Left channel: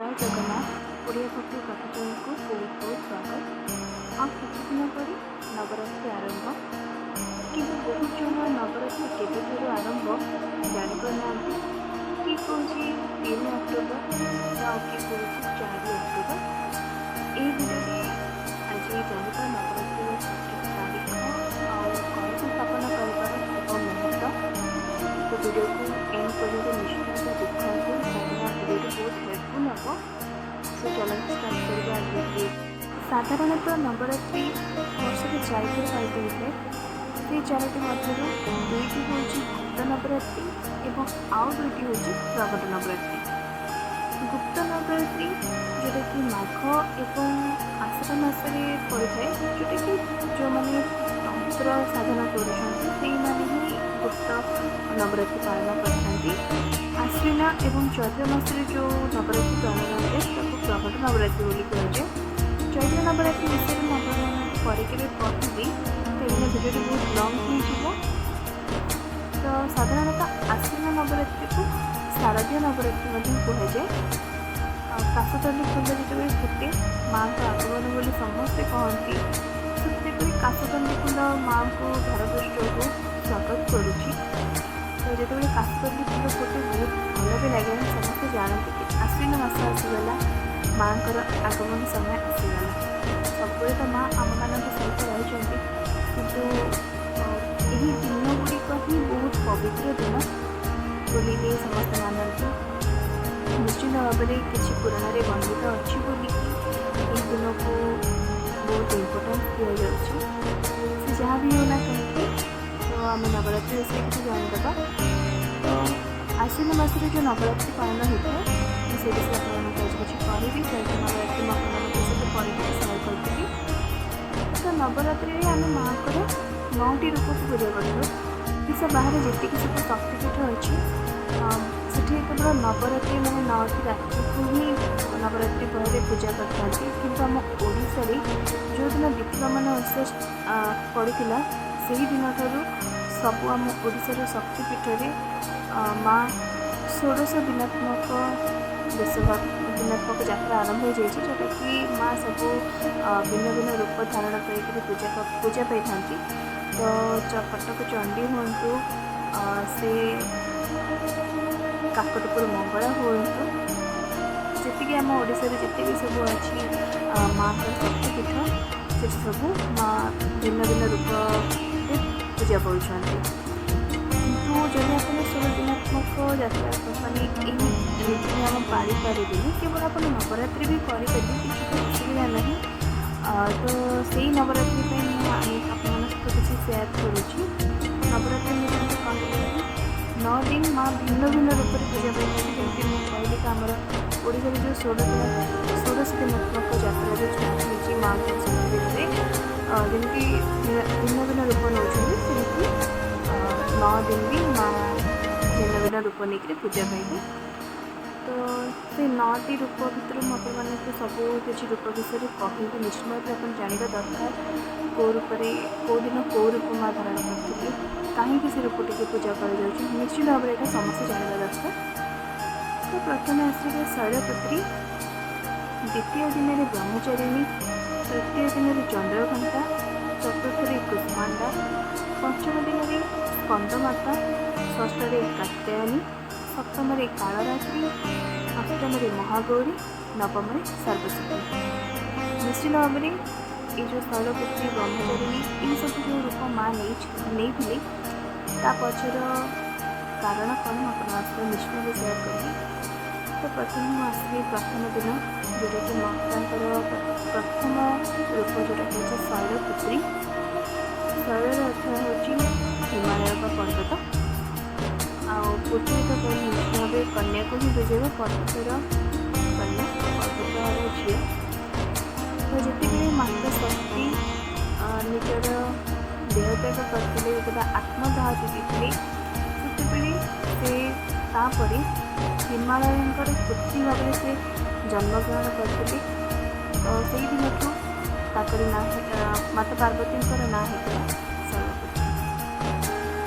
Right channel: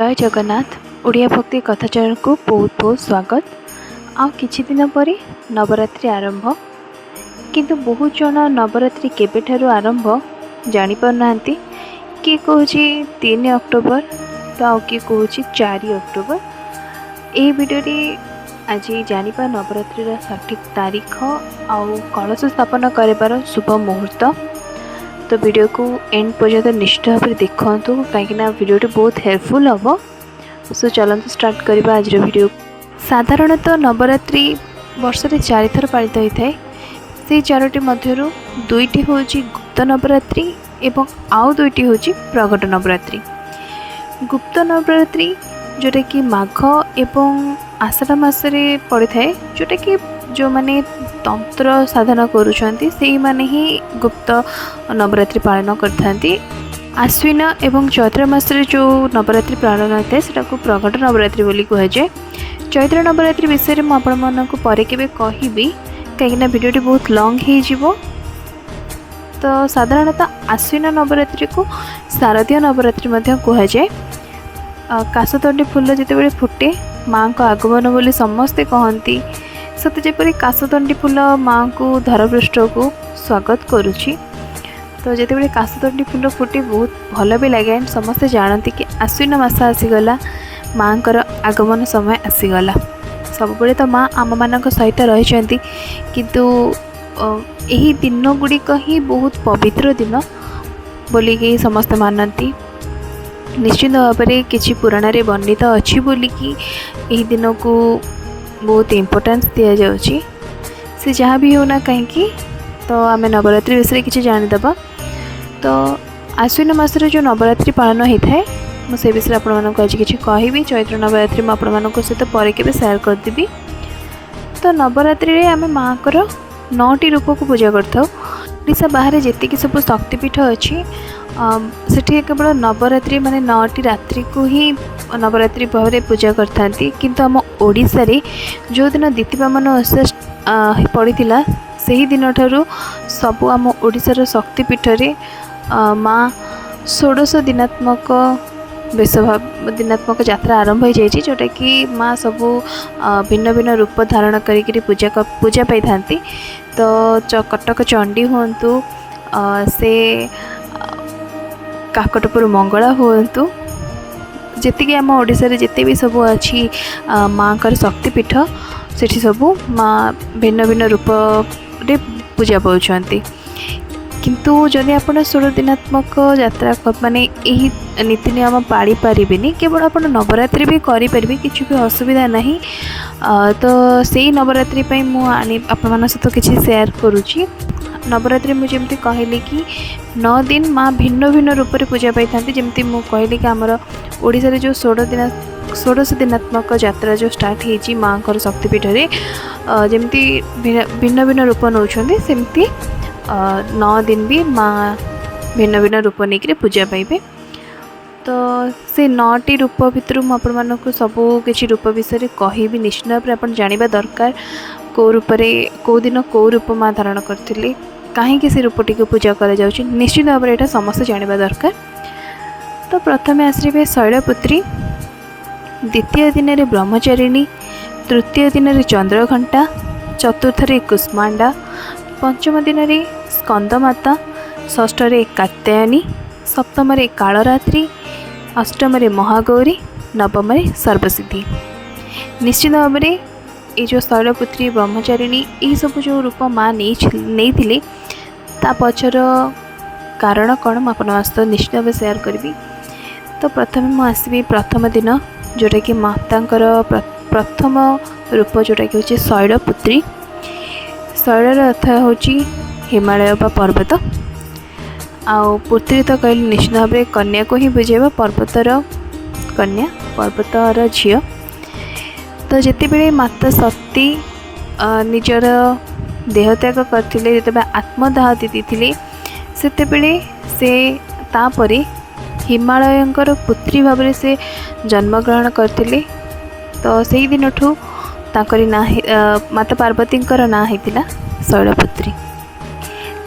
जय जगन्नाथ। ओडिया भक्ति कथा चैनल को बहुत बहुत स्वागत। आ किछि दिन पर नवरात्रि आरंभ, किंतु बहुत जन नवरात्रि केबेठारु आरंभ जानि पारनांती। किए कहूँ 3 अक्टोबर तो आउ किए कहूँ 4 अक्टोबर। यह वीडियो आज जानिबा नवरात्रि सठिक तारीख आउ कलश स्थापन कर शुभ मुहूर्त। तो वीडियो को एंड पर्यंत निश्चित भाव में देखूँ कहीं वीडियो बहुत हेल्पफुल हम। सो चलते स्टार्ट करवा आज वीडियो। साधारणतः नवरात्रि वर्ष में 4 थर पालित होता है। से 4टी मध्य दुईटी हूँ गुप्त नवरात्रि एवं आउ दुईटी हूँ प्रगट नवरात्रि। गुप्त नवरात्रि जोटा कि माघ एवं आषाढ़ मासरे पड़े थाए, जोटा कि जो माने तंत्र साधना करुछंती सेही माने ही गुप्त नवरात्रि पालन करथांती। आश्विन एवं चैत्र मासरे जो नवरात्रि पालन होता है सेटा को प्रगट नवरात्रि बोली कह जाए। चैत्र नवरात्रि विषय में आपण मानक परे केबे कहिबी कहीं वीडियोटी बहुत लॉन्ग हो जीवो। तो साधारणतः आश्विन नवरात्रि को शारदीय नवरात्रि मध्य कह जाए। काशतंडी फूल जिते फुटे माँ को आगमन बोली समस्ते कहती। सते जेपरी काशतंडी फूल माँ को धरपृष्ठ को स्वागत करुछि। तो जिते काशतंडी फूल फुटे बहुत भल भी लगे। समस्ते जानती कि आश्विन मास आसीगला, माँ आगमन समय आसीगला। सबुबले तो माँ आम मान सहित रही, किंतु यही दिन गुड़िक ही बहुत पवित्र दिन बोलिकी समस्त मानती। निश्चित भाव में किसी पुराण रे वर्णित अच्छी बोलिकी यही दिन को बहुत इम्पोर्टेंस दिया जाउची। से जहाँ भी होना कहीं तो आम नवरात्रि विषय किसी जानीदबा। तो आश्विन मासरे जो नवरात्रि पालन होता है मुझे विषय आपको आज किसी कहि। चैत्र नवरात्रि मैं आपको सहित पर के शेयर करदेवी। तो नवरात्रि रे आम माँ को 9टी रूप को पूजा करता। ओडिशा बाहर जी सब शक्तिपीठ अच्छी सेठी केवल नवरात्रि माने 9टी रात्रि को ही नवरात्रि भाव में पूजा करथांती। किंतु आम ओडिशा रे जो दिन दीतिवामन ओषा पड़ीला से दिन ठारू सबु आम ओडिशार शक्तिपीठ रे माँ 16 दिनात्मक दिनात्मक यात्रा आरंभ हो जाए, जोटा कि माँ सबू भिन्न भिन्न रूप धारण करी पूजा पाई थांती। तो कटक चंडी हुंतु से काकटपुर मंगला हुंतु जी आम ओडिशा रे जिते भी सब अच्छी माँ का शक्तिपीठ सेठी सबू माँ भिन्न भिन्न रूप रे पूजा पाउछंती। किंतु जदि आप 16 दिनात्मक यात्रा माने यही नीति नियम पाड़ी पारिबेनी, केवल आप नवरात्रि भी करें किसी भी असुविधा नहीं। तो से नवरात्रि मुझे आपण सहित किसी शेयर करुँची। नवरात्रि मुझे कहली कि 9 दिन माँ भिन्न भिन्न रूप से पूजा पाई था। जमती मुझे कहली कि आमर ओडिशा रे जो 16 दिनात्मक यात्रा जो स्टार्ट होती माँ को शक्तिपीठ रे जमती भिन्न भिन्न रूप नौछंती, सेमती 9 दिन भी माँ भिन्न भिन्न रूप नहीं पूजा पाइबे। तो से 9टी रूप भितर मुझे सबू किसी रूप विषय कहि। निश्चित भाव में आप जानवा दरकार कौ रूप कौ दिन कौ रूप माँ धारण करथिले, कहीं से रूपटी को पूजा करा जाउछि। निश्चित भाव में यहाँ समस्त जानवा दरकार। तो प्रथम आसवे शैलपुत्री, द्वितीय दिन रे ब्रह्मचारिणी, तृतीय दिन रे चंद्रघंटा, चतुर्थ रे कुष्मांडा, पंचम दिन रे स्कंदमाता, षष्ठ रे कात्यायनी, सप्तम रे कालरात्रि, अष्टम रे महागौरी, नवम रे सर्वसिद्धि। निश्चित भाव में ये जो शैलपुत्री ब्रह्मचारिणी ये सब जो रूप माँ नहीं थिले ता पछर कारण कौन मुझे निश्चित भाव शेयर करी। तो प्रथम मुझे प्रथम दिन जोटा कि मातांकर प्रथम रूप जोटा कि हूँ शैलपुत्री। शैलर अर्थ हूँ हिमालय बा पर्वत। आउ पुत्री तो कहले निश्चित भाव में कन्या को ही बुझेबा, पर्वतर कन्या पर्वतर झील। तो जिते बड़े माता शक्ति निजर देहत्याग करथिले, जिते आत्मदाह देते सेतेबेले से तापरे हिमालयंकर पुत्री भाव में से जन्मग्रहण करथिले। तो से दिन ठू ताकरी ना माता पार्वतींकर ना होता शैलपुत्री।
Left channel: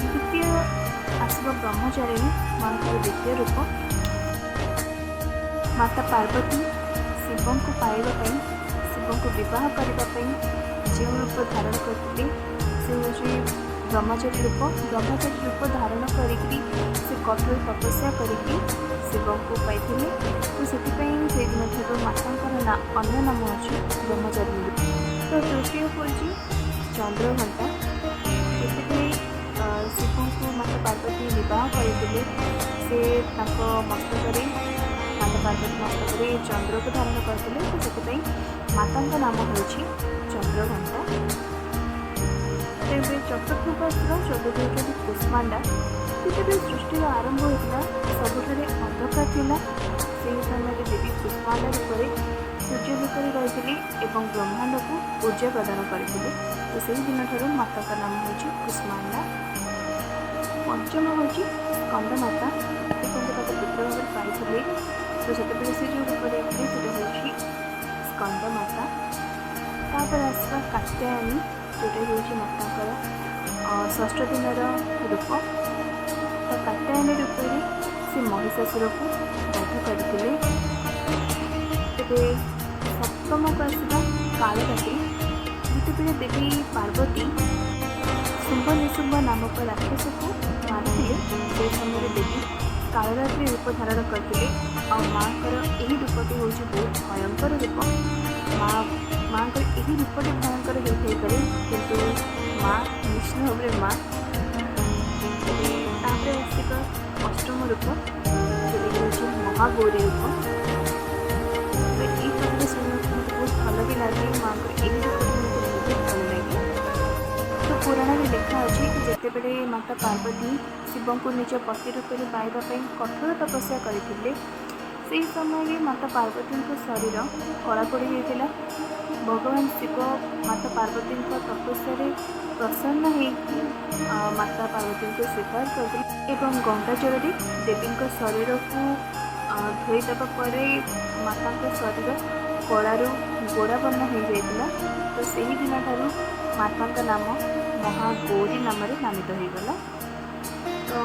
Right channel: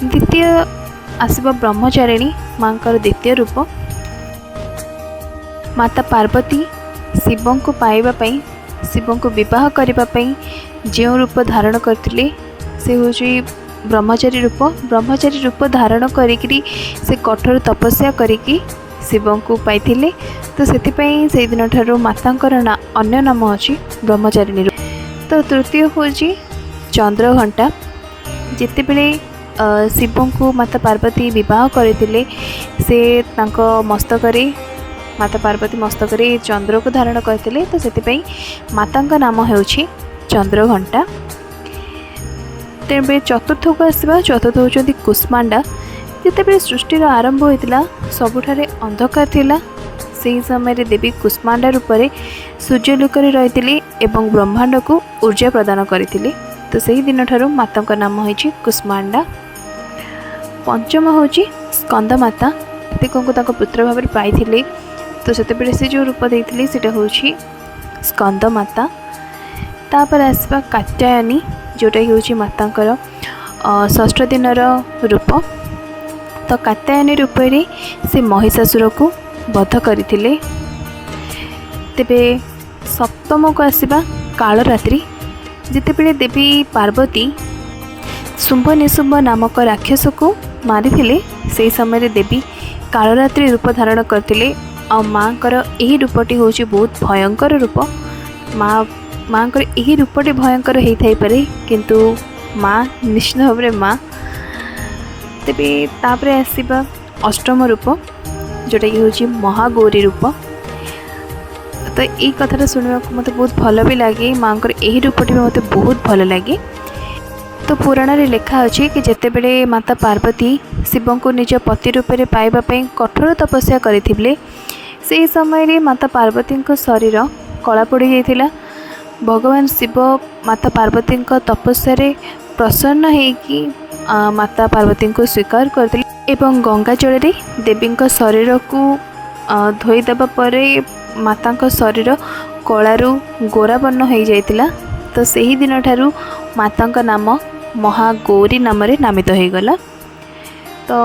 द्वितीय आसब ब्रह्मचारिणी माँ द्वितीय रूप। माता पार्वती शिव को पाइबा पई, शिव को विवाह करने जो रूप धारण करते से हूँ ब्रह्मचारी रूप। ब्रह्मचारी रूप धारण करी से कठोर तपस्या करिकी शिव को पाई। तो से दिन ठारू मातांकर ना अन्य नाम अच्छी ब्रह्मचारिणी रूप। तो तृतीय हूँ चंद्रघंटा। जिते बड़े शिव को माता पार्वती विवाह करते से मस्तक माता पार्वती मस्तक चंद्र को धारण करते। तो से माता नाम हो चंद्रघंटा। तेरे चतुर्थ को आसवा। चतुर्थ होती कुष्मांडा। जिते सृष्टि आरंभ होता सबुठारे अंधकार थिला से समय देवी कुष्मांडा रूप में सूर्यलोक रही एवं ब्रह्मांड को ऊर्जा प्रदान करते। तो सही दिन ठारू माता का नाम हो कुष्मांडा। पंचम हूँ स्कंद माता। कार्तिक को पुत्र भाव पाई। तो से जो रूप देते से हूँ स्कंद माता। तापर आसवा कात्यायनी जोटा हूँ मातांकर षष्ठ दिन रूप। तो कात्यायनी रूप से महिषासुर को वध करते। तेबे सप्तम को आसवा कालरात्रि। जितेबले देवी पार्वती शुंभ निशुंभ नामक राक्षस को मारी से समय देवी कालरात्रि रूप धारण करते। आ माँ कर यही रूपटी हूँ बहुत भयंकर रूप। माँ कर यही रूपटी भयंकर होता पारे किंतु माँ निश्चित भाव में माँ। तेबे तापर आसवा अष्टम रूप जोटा कि हूँ महागौरी रूप। तो ये कथा शुणा मत बहुत भल भी लगे। माँ को यही रूपटी मत बहुत भल लगे। तो पुराण रे लिखा अच्छी कि जिते बड़े माता पार्वती शिव को निज पति रूप में पाइबापी कठोर तपस्या करथिले से समय रे माता पार्वती शरीर कला पड़ जाता। भगवान शिव माता पार्वती तपस्या रे प्रसन्न होकि माता पार्वती को स्वीकार करते एवं गंगा जल देवी शरीर को धोईदेवा पर माता शरीर कलारू गोरा वर्ण हो जाता। तो सही दिन ठारू माता नाम महागौरी नाम नामित हो गला। तो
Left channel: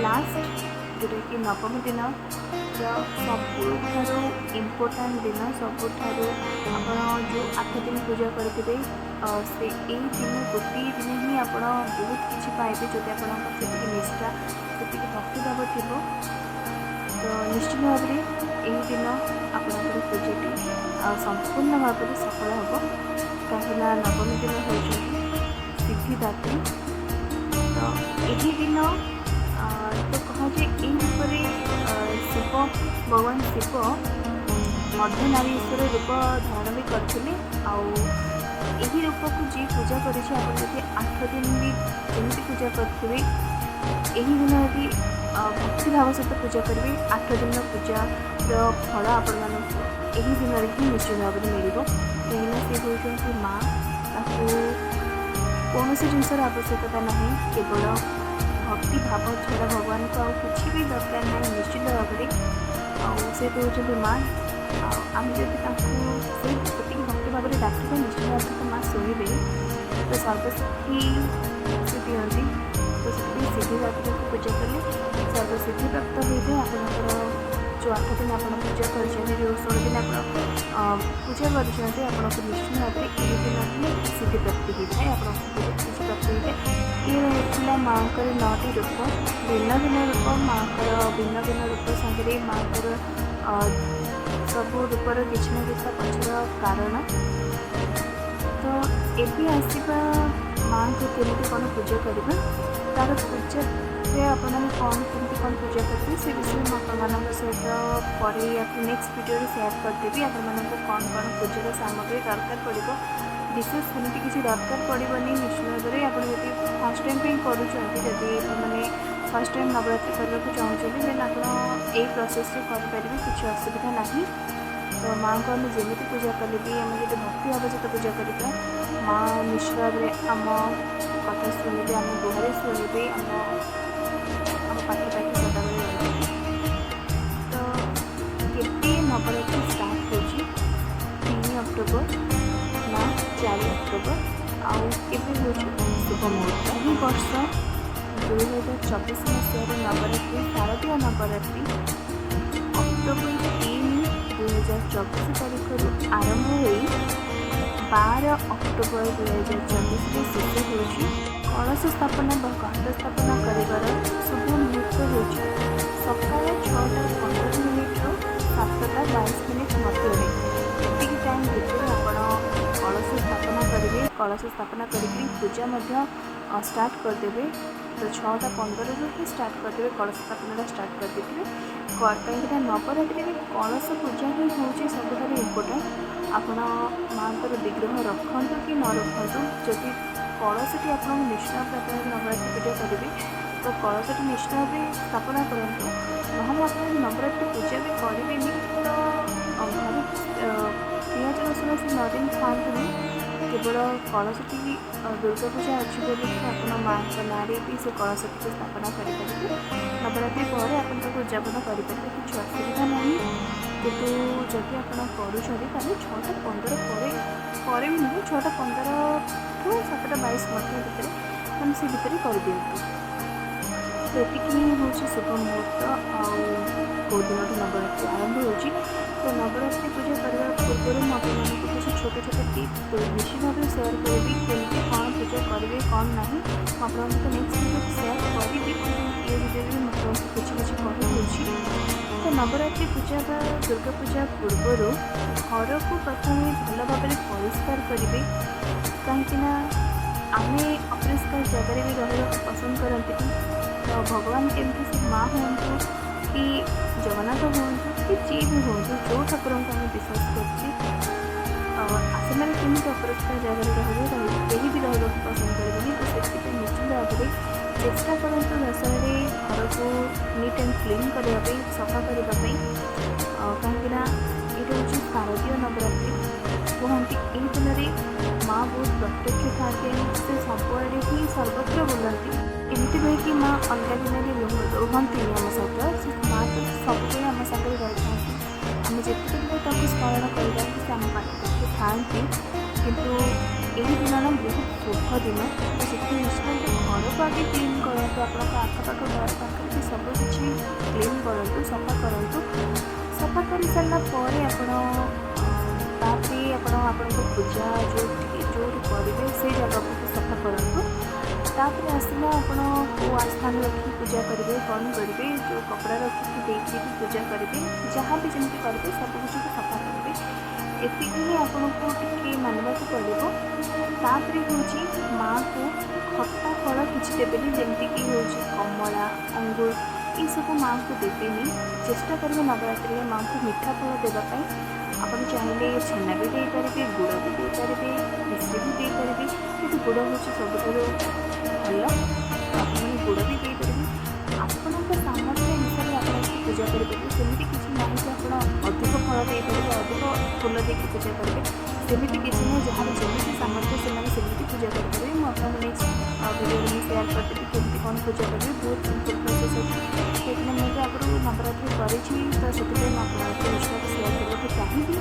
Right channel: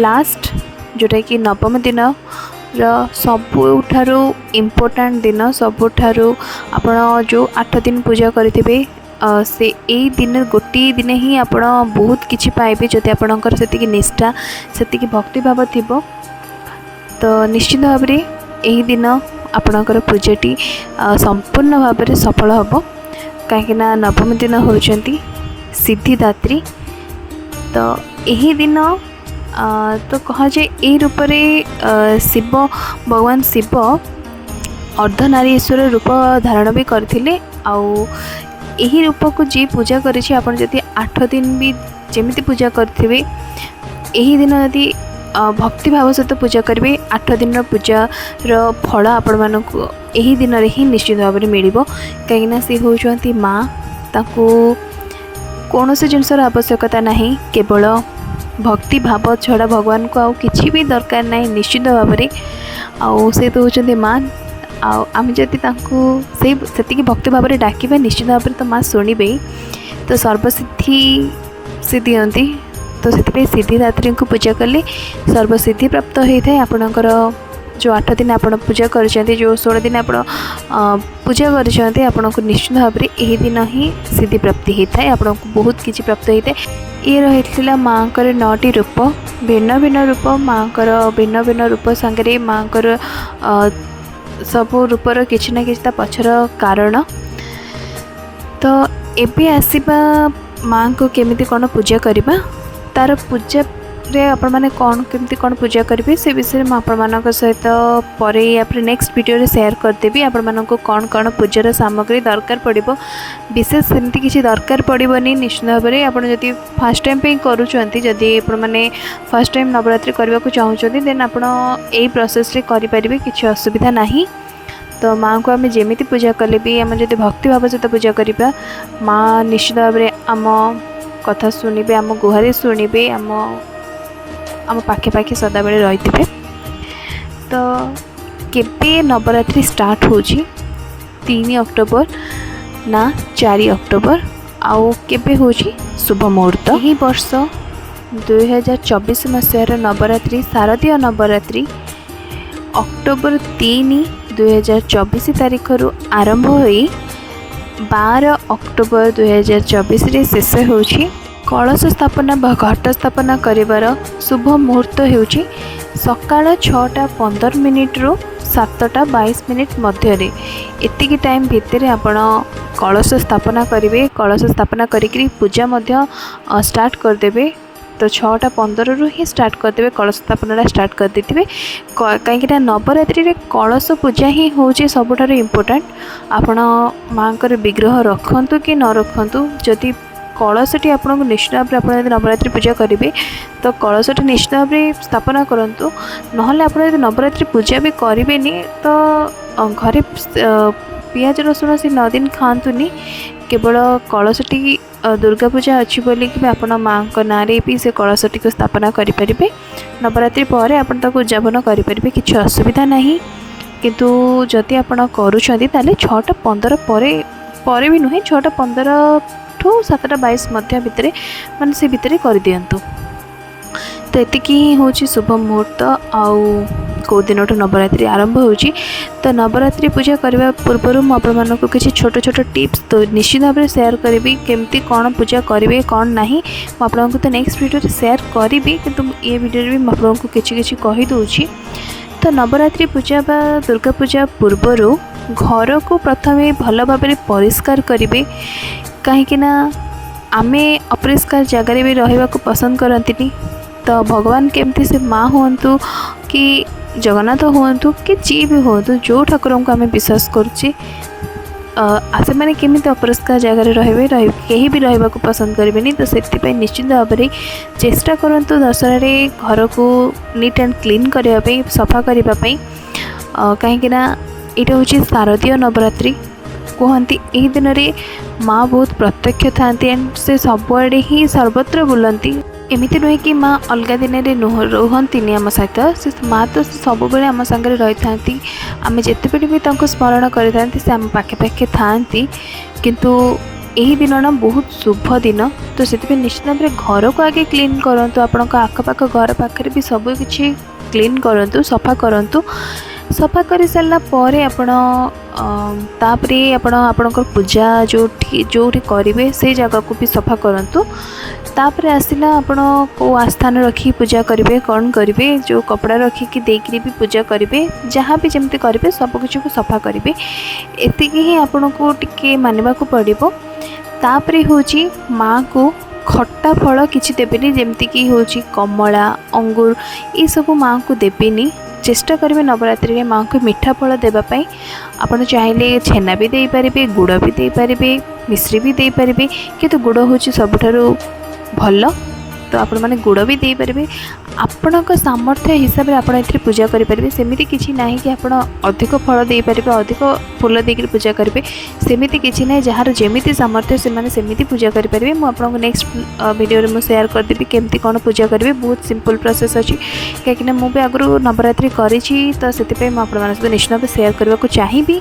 लास्ट जोटा कि नवम दिन सबुठारू इम्पोर्टाट दिन सबुठारू आपण जो 8 दिन पूजा करेंगे से यही दिन गोटे दिन ही आप बहुत किसी पाइबे जदि आपणकर से निष्ठा से भक्ति भाव थी। तो निश्चित भाव में यही दिन आपणकर पूजाटी संपूर्ण भाव में सफल हम कहीं नवम दिन होती सिद्धिदात्री। तो यही दिन तो कह जाए यही रूप शिव भगवान शिव अर्धनारीश्वर रूप धारण भी करथिले। यही रूप को जी पूजा करिछि आपण जदि 8 दिन भी जमिति पूजा करथिबे यही दिन यदि भक्ति भाव सहित पूजा करेंगे 8 दिन पूजार फल आपण मानक यही दिन ही निश्चित भाव में मिल कहीं सी होती माँ। ताकू कौन से जिनसर आवश्यकता नहीं केवल भक्ति भाव छड़ा भगवान को आउ किसी भी दरकार नहीं निश्चित भाव में आउ से तो होती माँ। आम जदि से भक्ति भाव में डाकिबा निश्चित भाव में तो माँ शुणवे। तो सर्वसिद्धि से दियंती। तो से सिद्धिदात्री को पूजा कले सर्वसिद्धि प्राप्त होता है। आपणकर जो 8 दिन आप पूजा कर जो 16 दिन आप पूजा कर आपन को निश्चित भाव में यही दिन ही सिद्धि प्राप्ति होता है। आपन को बहुत किसी प्राप्त होता है। ये रही माँ को 9टी रूप भिन्न भिन्न रूप माँ को भिन्न भिन्न रूप सांगे माँ को सब रूपर किसी ना कि पछर कारण। तो एबे आसीबा माँ को केमिति कौन पूजा करबा तार पूजा रे आपण माने कौन केमिति कौन पूजा करेंगे से विषय में आपण मानक सहित पर नेक्स्ट वीडियो रे शेयर करदेवी। आपण मानक कौन कौन पूजार सामग्री दरकार पड़िबो विशेष सेमती किसी दरकार पड़िबनी निश्चित भाव में। आपण जदि फर्स्ट टाइम पे करूछंती जदि आपण माने फर्स्ट टाइम नवरात्रि करबा को चाहूछंती देन आपण एई प्रोसेस रे करि परिबे किछि असुविधा नाही। तो माँ को आम जमीती पूजा कले भी आम जब भक्ति भाव सहित पूजा करवा माँ निश्चित भाव में आम कथा शुणवे आम गुहारी शुणवे आम पाखे पाखे सदाबले रही थे। तो केबे नवरात्रि स्टार्ट हो 3 अक्टोबर ना 4 अक्टोबर आउ केबे हो शुभ मुहूर्त। यही वर्ष 2024 मसीहार नवरात्रि शारदीय नवरात्रि ଅକ୍ଟୋବର 3, 2024 ତାରିଖରୁ ଆରମ୍ଭ ହୋଇ 12 ଅକ୍ଟୋବର 2024 ଶେଷ ହେଉଛି। କଳସ ସ୍ଥାପନା ବା ଘଟ ସ୍ଥାପନା କରିବାର ଶୁଭ ମୁହୂର୍ତ୍ତ ହେଉଛି ସକାଳ 6:15 ରୁ 7:22 ମଧ୍ୟରେ। ଏତିକି ଟାଇମ୍ ଭିତରେ ଆପଣ କଳସ ସ୍ଥାପନା କରିବେ। କଳସ ସ୍ଥାପନା କରିକି ପୂଜା ମଧ୍ୟ ଷ୍ଟାର୍ଟ କରିଦେବେ। ତ 6:15ରୁ ହିଁ ଷ୍ଟାର୍ଟ କରିଦେବେ, କଳସ ସ୍ଥାପନାଟା ଷ୍ଟାର୍ଟ କରିଦେଇଥିବେ। କାହିଁକିନା ନବରାତ୍ରିରେ କଳସ ପୂଜା ହିଁ ହେଉଛି ସବୁଠାରୁ ଇମ୍ପୋର୍ଟାଣ୍ଟ। ଆପଣ ମାଙ୍କର ବିଗ୍ରହ ରଖନ୍ତୁ କି ନ ରଖନ୍ତୁ, ଯଦି କଳସଟି ଆପଣଙ୍କୁ ନିଶ୍ଚିତ ଭାବରେ ଆପଣ ଯଦି ନବରାତ୍ରି ପୂଜା କରିବେ ତ କଳସଟି ନିଶ୍ଚିତ ଭାବରେ ସ୍ଥାପନା କରନ୍ତୁ। ନହେଲେ ଆପଣ ଯଦି ନବରାତ୍ରି ପୂଜା ବି କରିବେନି ତ ଘରେ ପିଆଜ ରସୁଣ ସେ 9 ଦିନ ଖାଆନ୍ତୁନି। କେବଳ କଳସଟି ଦୁର୍ଗା ପୂଜା ଅଛି ବୋଲିକି ବି ଆପଣ ମାଙ୍କ ନାଁରେ ବି ସେ କଳସଟିକୁ ସ୍ଥାପନା କରିପାରିବେ। ନବରାତ୍ରି ପରେ ଆପଣ ତାକୁ ଉଦ୍ଯାପନ କରିପାରିବେ, କିଛି ଅସୁବିଧା ନାହିଁ। କିନ୍ତୁ ଯଦି ଆପଣ କରୁଛନ୍ତି ତାହେଲେ 6:15 ପରେ ବି ନୁହେଁ, 6:15 ଠୁ 7:22 ମଧ୍ୟ ଭିତରେ, ମାନେ ସେ ଭିତରେ କରିଦିଅନ୍ତୁ। ତ ଏତିକି ହିଁ ହେଉଛି ଶୁଭ ମୁହୂର୍ତ୍ତ। ଆଉ କେଉଁ ଦିନଠୁ ନବରାତ୍ରି ଆରମ୍ଭ ହେଉଛି, ତ ନବରାତ୍ରି ପୂଜା କରିବା ପୂର୍ବରୁ ମୁଁ ଆପଣମାନଙ୍କୁ କିଛି ଛୋଟ ଛୋଟ ଟିପ୍ସ ତ ନିଶ୍ଚିତ ଭାବରେ ସେୟାର କରିବି। କେମିତି କ'ଣ ପୂଜା କରିବେ କ'ଣ ନାହିଁ ମୁଁ ଆପଣଙ୍କୁ ତ ନେକ୍ସଟ ଭିଡ଼ିଓରେ ସେୟାର କରିବି, କିନ୍ତୁ ଏ ଭିଡ଼ିଓରେ ବି ମୁଁ ଆପଣଙ୍କୁ କିଛି କିଛି କହିଦେଉଛି। ତ ନବରାତ୍ରି ପୂଜା ବା ଦୁର୍ଗା ପୂଜା ପୂର୍ବରୁ ଘରକୁ ପ୍ରଥମେ ଭଲ ଭାବରେ ପରିଷ୍କାର କରିବେ। କାହିଁକିନା ଆମେ ଅପରିଷ୍କାର ଜାଗାରେ ବି ରହିବାକୁ ପସନ୍ଦ କରନ୍ତିନି। ତ ଭଗବାନ କେମିତି ସେ ମା ହୁଅନ୍ତୁ କି ଜଗନ୍ନାଥ ହୁଅନ୍ତୁ କି ଯିଏ ବି ହୁଅନ୍ତୁ, ଯେଉଁ ଠାକୁରଙ୍କୁ ଆମେ ବିଶ୍ୱାସ କରୁଛେ ସେମାନେ କେମିତି ଅପରିଷ୍କାର ଜାଗାରେ କେହି ବି ରହିବାକୁ ପସନ୍ଦ କରିବେନି। ତ ସେଥିପାଇଁ ନିଶ୍ଚିତ ଭାବରେ ଚେଷ୍ଟା କରନ୍ତୁ ଦଶହରାରେ ଘରକୁ ନିଟ୍ ଆଣ୍ଡ କ୍ଲିନ୍ କରିବା ପାଇଁ, ସଫା କରିବା ପାଇଁ। କାହିଁକିନା ଏଇଟା ହେଉଛି ଶାରଦୀୟ ନବରାତ୍ରି। କୁହନ୍ତି ଏହି ଦିନରେ ମା ବହୁତ ପ୍ରତ୍ୟକ୍ଷ ଥାଆନ୍ତି ଆଣ୍ଡ ସେ ସବୁଆଡ଼େ ହିଁ ସର୍ବତ୍ର ବୁଲନ୍ତି। ଏମିତି ନୁହେଁ କି ମା ଅଲଗା ଦିନରେ ରୁହନ୍ତିନି ଆମ ସହିତ, ସେ ମା ତ ସବୁବେଳେ ଆମ ସାଙ୍ଗରେ ରହିଥାନ୍ତି। ଆମେ ଯେତେବେଳେ ବି ତାଙ୍କୁ ସ୍ମରଣ କରିଥାନ୍ତି ସେ ଆମ ପାଖେ ପାଖେ ଥାଆନ୍ତି। କିନ୍ତୁ ଏହି ଦିନଟା ବହୁତ ଶୁଭ ଦିନ, ତ ସେଥିପାଇଁ ନିଶ୍ଚିତ ଭାବରେ ଘରକୁ ଆଗେ କ୍ଲିନ୍ କରନ୍ତୁ। ଆପଣଙ୍କ ଆଖପାଖ ଘର ପାଖରେ ବି ସବୁକିଛି କ୍ଲିନ୍ କରନ୍ତୁ, ସଫା କରନ୍ତୁ। ସଫା କରିସାରିଲା ପରେ ଆପଣ ତାପରେ ଆପଣଙ୍କର ପୂଜା ଯେଉଁଠି କରିବେ ସେଇ ଜାଗାକୁ ବି ସଫା କରନ୍ତୁ। ତାପରେ ଆସିଲା ଆପଣ କେଉଁ ଆସ୍ଥାନ ରଖିକି ପୂଜା କରିବେ, କ'ଣ କରିବେ, ଯେଉଁ କପଡ଼ା ରଖିକି ଦେଇକିରି ବି ପୂଜା କରିବେ, ଯାହା ବି ଯେମିତି କରିବେ ସବୁକିଛିକୁ ସଫା କରିବେ। ଏତିକି ହିଁ ଆପଣଙ୍କୁ ଟିକେ ମାନିବାକୁ ପଡ଼ିବ। ତାପରେ ହେଉଛି ମାଆକୁ ଖଟା ଫଳ କିଛି ଦେବେନି, ଯେମିତିକି ହେଉଛି କମଳା, ଅଙ୍ଗୁର, ଏସବୁ ମାଆଙ୍କୁ ଦେବେନି। ଚେଷ୍ଟା କରିବେ ନବରାତ୍ରିରେ ମାଆଙ୍କୁ ମିଠା ଫଳ ଦେବା ପାଇଁ। ଆପଣ ଚାହିଁଲେ ଛେନା ବି ଦେଇପାରିବେ, ଗୁଡ଼ ବି ଦେଇପାରିବେ, ମିଶ୍ରି ବି ଦେଇପାରିବେ, କିନ୍ତୁ ଗୁଡ଼ ହେଉଛି ସବୁଠାରୁ ଭଲ। ତ ଆପଣମାନେ ଗୁଡ଼ ବି ଦେଇପାରିବେ। ଆପଣଙ୍କ ସାମର୍ଥ୍ୟ ହିସାବରେ ଆପଣ ଏଥିରେ ପୂଜା କରିପାରିବେ। ସେମିତି କିଛି ନାହିଁ କି ଆପଣ ଅଧିକ ଫଳ ଦେଇପାରିବେ, ଅଧିକ ଫୁଲ ଦେଇକରି ପୂଜା କରିବେ, ସେମିତି କିଛି ନାହିଁ। ଯାହାର ଯେମିତି ସାମର୍ଥ୍ୟ ସେମାନେ ସେମିତି ପୂଜା କରିପାରିବେ। ମୁଁ ଆପଣଙ୍କୁ ନେକ୍ସଟ ଭିଡ଼ିଓରେ ମୁଁ ସେୟାର କରିଦେବି କେମିତି କ'ଣ ପୂଜା କରିବେ। ବହୁତ ସିମ୍ପଲ୍ ପ୍ରୋସେସ୍ ଅଛି, କାହିଁକିନା ମୁଁ ବି ଆଗରୁ ନବରାତ୍ରି କରିଛି, ତ ସେଥିପାଇଁ ମୁଁ ଆପଣମାନଙ୍କ ସହିତ ନିଶ୍ଚିତ ଭାବେ ସେୟାର କରିବାକୁ ଚାହିଁବି।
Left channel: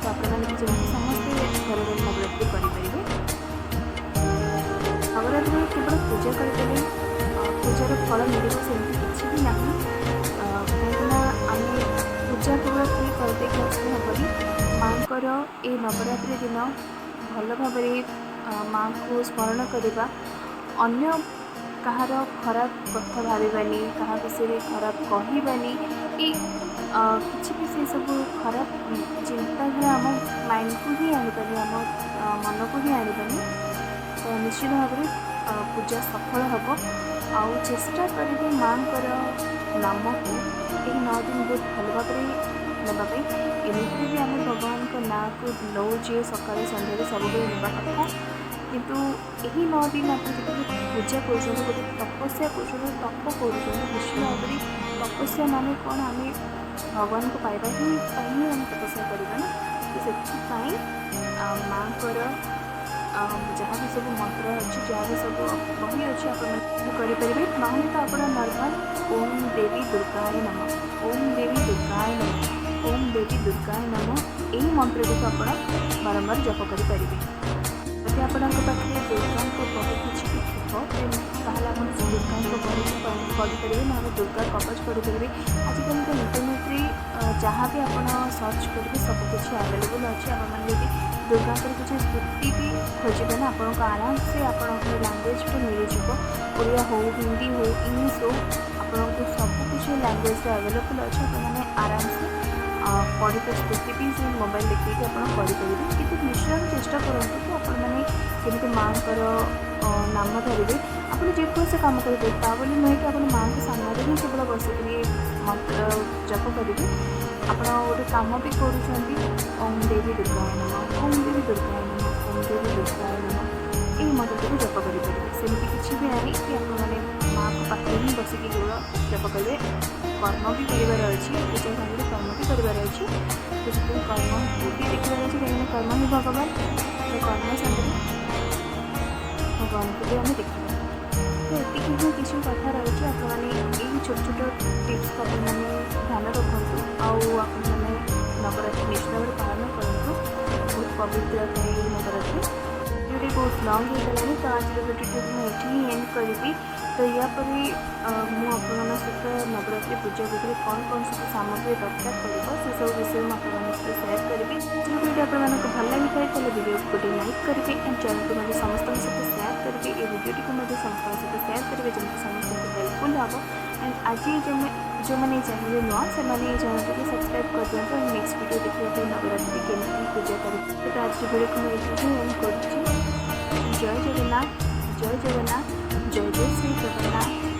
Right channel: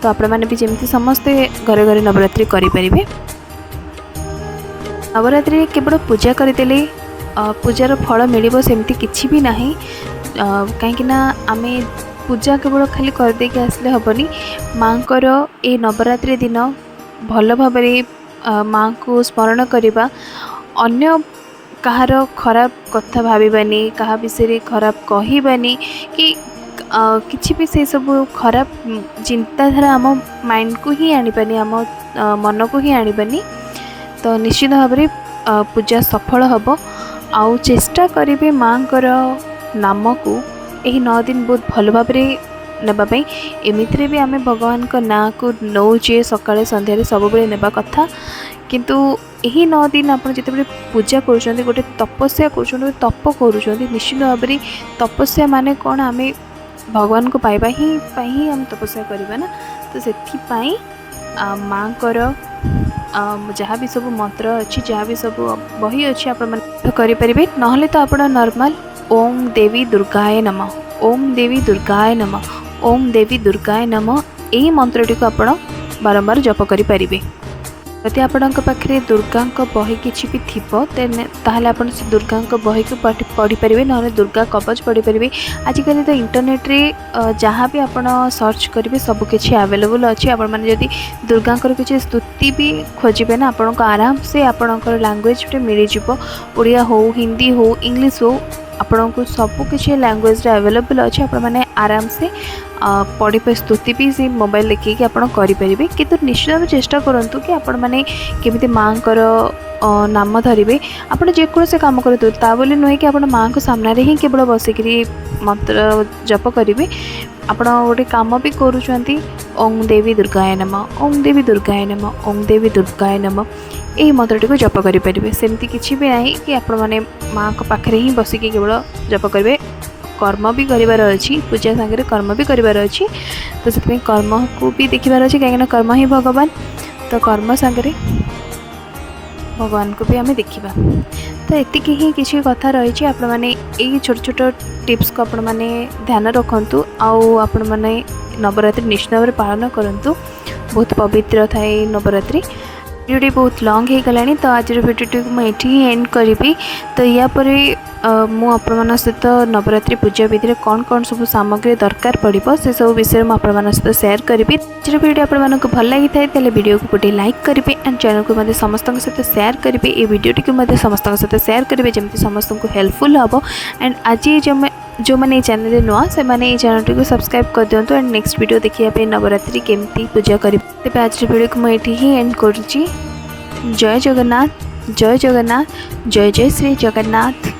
ତ ଆପଣମାନେ ବି ଯେମିତି ସମସ୍ତେ ଘରେ ଘରେ ନବରାତ୍ରି କରିପାରିବେ। ନବରାତ୍ରିରେ କେବଳ ପୂଜା କରିଦେଲେ ପୂଜାର ଫଳ ମିଳିବ ସେମିତି କିଛି ବି ନାହିଁ। କାହିଁକିନା ଆମେ ପୂଜା କେବଳ ଖାଲି କରିଦେଇକି ଆସିଲେ ହେବନି। ମାଙ୍କର ଏ ନବରାତ୍ରି ଦିନ ଭଲ ଭାବରେ ମାଙ୍କୁ ସ୍ମରଣ କରିବା, ଅନ୍ୟ କାହାର ଖରାପ କଥା ଭାବିବାନି, କାହା ବିଷୟରେ ଖରାପ କହିବାନି କି କିଛି ବି ସେସବୁ ଖରାପ ଚିନ୍ତାଧାରା ଆମ ମାଇଣ୍ଡକୁ ହିଁ ଆଣିବାନି, ଆମ ମନକୁ ହିଁ ଆଣିବାନି। ତ ନିଶ୍ଚିତ ଭାବରେ ପୂଜା ସଫଳ ହେବ। ଆଉ ଚେଷ୍ଟା କରିବେ ମାଙ୍କର ନାମକୁ ଏହି 9 ଦିନ ବହୁତ ଭଲ ଭାବରେ ନେବା ପାଇଁ। ଏମିତିରେ ବି ଆମେ ଭଗବାନଙ୍କ ନାଁକୁ ନେଉଛେ ସକାଳେ ସନ୍ଧ୍ୟାରେ ସବୁବେଳେ ନେବା କଥା, କିନ୍ତୁ ଏହି 9 ଦିନ ଆପଣ ଯେତେବେଳେ ପୂଜା କରୁଛନ୍ତି, ଗୋଟେ ତପସ୍ୟା କରୁଛନ୍ତି, ତପ କରୁଛନ୍ତି, ନିଶ୍ଚିତ ଭାବରେ ତପସ୍ୟା ମାନେ କ'ଣ, ଆମେ ଭଗବାନଙ୍କୁ ପାଇବା ପାଇଁ ହିଁ ଆମେ ତପସ୍ୟା କରିବା ନା। ତ ସେଥିପାଇଁ ମାଙ୍କର ଯାହା ବି ସବୁ ମନ୍ତ୍ର ଅଛି, ଯାହା ବି ସବୁ ବହି ଅଛି ଆପଣମାନେ କରିପାରିବେ। ନହେଲେ ତ ଆପଣ ନର୍ମାଲ ଓମ୍ ଦେବୀ ଦୁର୍ଗାୟ ନମଃ, ଓମ୍ ଦେବୀ ଦୁର୍ଗାୟ ନମଃ, ଓମ୍ ଦେବୀ ଦୁର୍ଗାୟ ନମଃ, ଏହି ମନ୍ତ୍ରଟିକୁ ଆପଣ ବାରମ୍ବାର ଜପ କରିପାରିବେ। जदि आपणक पाखे दुर्गा बही किसी भी थी ताहले आपण से दुर्गा बही को पढ़ी पारे ना दुर्गा कवच पढ़ी पारे। आजिकल तो इंटरनेट रे जहाँ भी आप सर्च करेंगे सबकि आवेलेबल अच्छी। आपण मैंने जदि दुर्गा किसी स्तुति भी खोजे ना आपको आराम से आपणकर लैंग्वेज मिल जाव। ओडिया हो हिंदी हो इंग्लिश हो आपन को सबकि लैंग्वेज अवेलेबल अच्छे। आपण मैंने आराम से पढ़ी पे स्तुति भी से मोबाइल देखिए आप करेंगे। किंतु निश्चित भाव चेष्टा करूँ कि आपण मैंने केमी माँ नाम धरवे। आपड़ जेकोसी कम करूँ ता बोली नुहे कि आप माँ को सामने ही केवल बसिक मंत्र जप करेंगे। आपण गोटे कम भी करुँच ओं देवी दुर्गाय नमः ओं देवी दुर्गाय नमः ओं देवी दुर्गाय नमः यही मंत्रटी को जप करेंगे। सेमती किसी भी ना कि आपण मैंने माँ को पाखे ही बसिक केवल जप करेंगे। कर्म भी करार अच्छी पूजा सागर कर्म भी करार अच्छी। तो से कर्म को भी देखार अच्छे कहीं कर्म ही भगवान। तो कर्म सागर भगवान को भी आम देखा। तो एतिक ही किसी कथा रही आपण मैंने यही छोट छोट टिप्स को आपण मैंने ध्यान रखु। आपण मैंने नवरात्रि निश्चित भाव पालन करूँ। बहुत पवित्र थाए नवरात्रि। वीडियो बहुत लॉन्ग हो गलानी तो आज वीडियो मुझे ही एंड करी। तो या मुझे सहित नवरात्रि पूजा विधि में कौन कौन सब सामग्री दरकार पड़ो से सब विषय मुझे सहित शेयर करी। आज वीडियो आपको भल लगी था वीडियो को गोटे लाइक करेंगे एंड चैनल को मतलब समस्त सहित शेयर करेंगे। ये वीडियोटी को समस्त सहित शेयर करेंगे जमी समस्त को हेल्पफुल हम। एंड आज जो मैंने चैनल नुआ से मैंने ये चैनल को सब्सक्राइब कर दिंतु। एंड नेक्स्ट वीडियो देखिए नवरात्रि केमती पूजा करें। तेज आज वीडियो को मुझे ही एंड करुँची। जय जगन्नाथ जय जगन्नाथ जय जय श्री जगन्नाथ।